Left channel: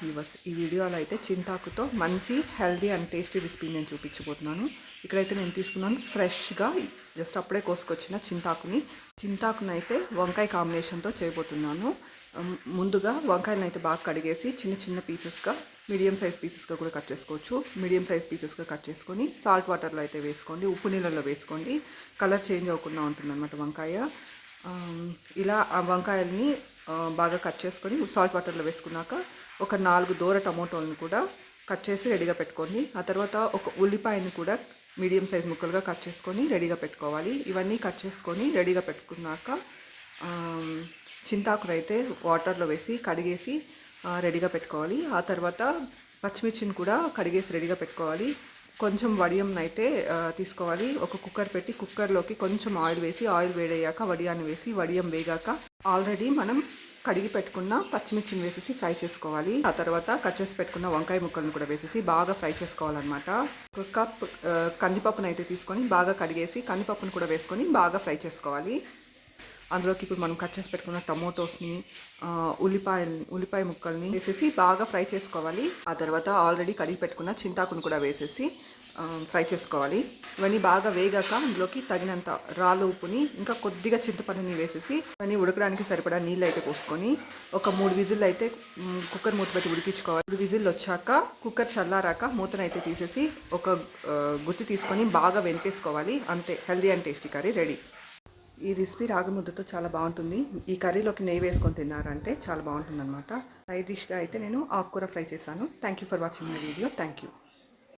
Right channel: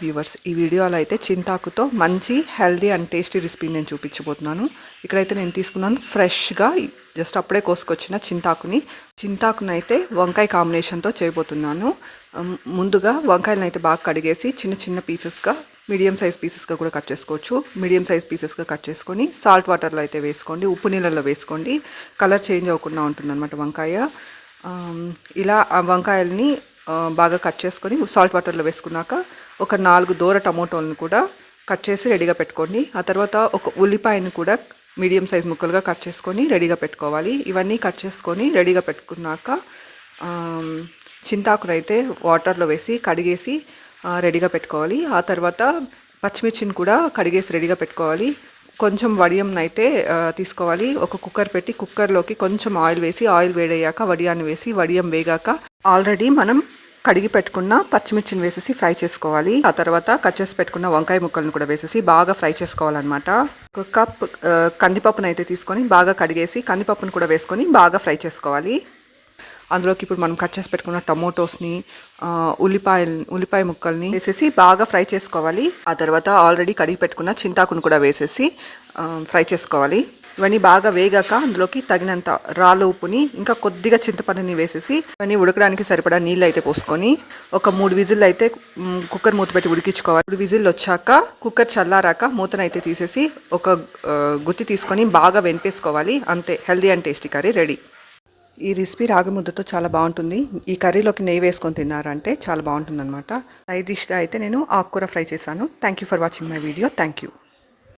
Viewers, ఈ వీడియోలో అయితే చింతాకుతో మంచి హెల్దీ అండ్ టేస్టీ రెసిపీ నేను చూపించబోతున్నాను. ఇక్కడైతే నేను తీసుకున్నాను ఫ్రెష్గా జస్ట్ అప్పుడే కోసుకొచ్చిన చింతాకుని అయితే వంకాయ కాంబినేషన్తో చేయబోతున్నాను. ముందుగా వంకాయలను అయితే బాగా కడిగేసి చిన్న చిన్న పీసెస్గా, మీడియం సైజ్ పీసెస్గా కూడా కట్ చేసుకోవచ్చు. మీడియం సైజ్ పీసెస్గా కట్ చేసుకొని సాల్ట్ వాటర్లో అయితే వేసుకోండి, ఉప్పు నీళ్ళల్లో వేసుకోండి. కలర్ చేంజ్ అవ్వకుండా ఉంటుందన్నమాట వంకాయ. ఇలా ఆ వంకాయల్ని బాగా కట్ చేసుకొని సాల్ట్ వాటర్లో వేసుకున్నాక ఒక 4 దూర టమోటోలను కూడా కట్ చేసి రెడీగా పెట్టుకోండి. ఆ తర్వాత ఒక ఉల్లిపాయను కూడా మీడియం సైజ్ ముక్కలుగా కట్ చేసుకొని రెడీగా పెట్టుకోవాలి. ఇవన్నీ కట్ చేసుకొని రెడీగా పెట్టుకున్నాక చింతాకును అయితే వాటర్లో వేసి కడిగేసి రెడీగా పెట్టుకోవాలి. ఆ తర్వాత పచ్చిమిర్చిని కూడా కడిగేసి రెడీగా పెట్టుకోవాలి. కొంచెం వడియంని అయితే తీసుకోవాలి. ఒక కుక్కర్ పెట్టి కుక్కర్లోకి కొంచెం ఆయిల్ వేసి, ఆయిల్ వేడయ్యాక వడియాన్ని వేసి, వడియం వేగాక ఆల్రెడీ మనం కడిగి పెట్టుకున్న పచ్చిమిర్చిని వేసేసి ఫ్రై చేసుకోవాలి. ఆ తర్వాత కట్ చేసి పెట్టుకున్న వంకాయ ముక్కలను కూడా వేసేసి బాగా ఫ్రై చేసుకోవాలన్నమాట. ఒక కప్ కందిపప్పును అయితే తీసుకొని బాగా కడిగేసి కందిపప్పును కూడా వేసుకొని బాగా ఫ్రై చేసుకోవాలి. అందులోకి ఇప్పుడు మనం కట్ చేసి పెట్టుకున్న టమోటోస్ని, ఉల్లిపాయ ముక్కల్ని వేసేసి బాగా ఫ్రై చేసుకోవాలి. ఆ తర్వాత ఆల్రెడీ కడిగి పెట్టుకున్న చింతాకును కూడా వేసేసి ఫ్రై చేసుకోవాలి. ఇవన్నీ బాగా వేగాక అందులోకి తగినంత రాళ్ళ ఉప్పుని, ఇంకా కొద్దిగా చింతపండుని వేసేసి ఇవన్నీ ఉడకడానికి సరిపడా నీళ్ళు అయితే పోసుకొని ఒక 3 విజిల్ అయితే కుక్కర్ మూత పెట్టి ఉడికించుకోవాలి. 3 విజిల్ వచ్చాక కుక్కర్ చల్లారాక మూతనైతే తీసేసి ఒక గుత్తి తీసుకొని బాగా వెనిపేసుకోవాలి. అంతే, healthy and tasty curry ready. ఈ రెసిపీ రాగి ముద్దతో చాలా బాగుంటుంది. ఈ కర్రీలోకి నెయ్యి వేసుకొని తిన్నారంటే చాలా బాగుంటుంది అనమాట. సైడ్ డిష్గా అయితే నేను ఆకుకూర ఫ్రై చేశాను. Thank you for watching my video. Thank you.